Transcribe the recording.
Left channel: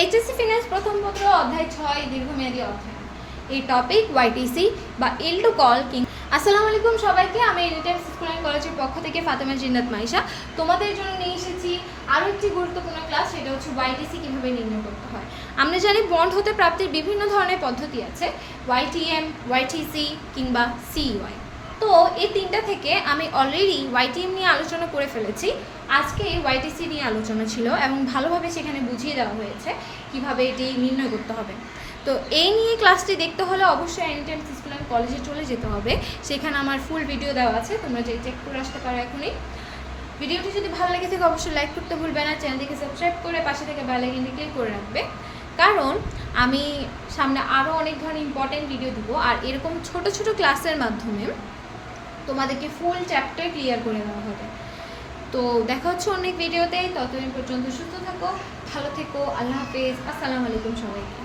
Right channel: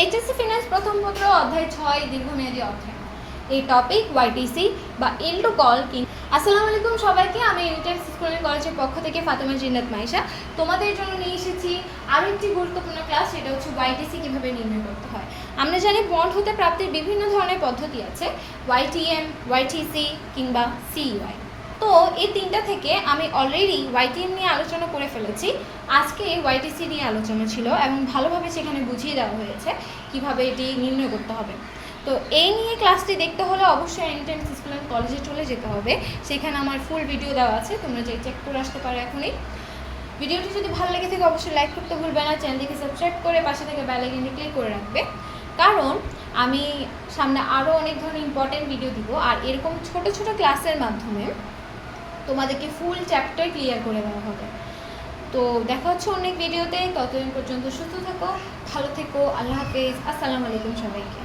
HSC finance প্রথম পত্র অধ্যায় 6 দীর্ঘমেয়াদী অর্থায়ন। এই টপিক ওয়াইটিসি বা এল টু কল কিং। আসসালামু আলাইকুম সবাইকে, আমি এনিটাইম স্কুল কলেজের পক্ষ থেকে ফাতেমা জিন্নাত মাইশা তোমাদের জন্য নিয়ে এসেছি আরও একটি গুরুত্বপূর্ণ ক্লাস। সেটা হচ্ছে ওয়াইটিসি কীভাবে নির্ণয় করতে হয়। আমরা জানি বন্ড হতে প্রাপ্তির বিভিন্ন ধরনের পদ্ধতি আছে, ওয়াইটিএম, ওয়াইটিসি কিংবা সিইউআই। তো এই তিনটা থেকে আমি অলরেডি ওয়াইটিএম নিয়ে আলোচনা করে ফেলেছি। আজকে ওয়াইটিসি নিয়ে আলোচনা ছিল এবং ভালোভাবে সেখানে বুঝিয়ে দেওয়া হয়েছে কীভাবে এটি নির্ণয় করতে হবে। তো এই নিয়ে ক্লাসটি দেখতে হলে অবশ্যই এনিটাইম স্কুল অ্যান্ড কলেজে চলে যেতে হবে। সেখানে আমার ফুল ভিডিও দেওয়া আছে, তোমরা যে চেক করে আসতে পারো এখনই। ভিডিওটি যদি ভালো লেগে থাকে অবশ্যই লাইক করতে ভুলবে না, চ্যানেলটিকে সাবস্ক্রাইব করে পাশে থেকে বেল আইকনটি ক্লিক করে রাখবে, কারণ আমি সামনে আরও অনেক ধরনের ইম্পর্টেন্ট ভিডিও দিব। আর এরকম ছোট ছোট ক্লাসের মাধ্যমে তোমাদেরকে ফুল চ্যাপ্টার ক্লিয়ার করে দেওয়া হবে। তো দেখা হচ্ছে অনেক ভিডিওতে, ততদিন পর্যন্ত সুস্থ থাকো, ভালো থেকো, আল্লাহ হাফেজ, আসসালামু আলাইকুম সবাইকে।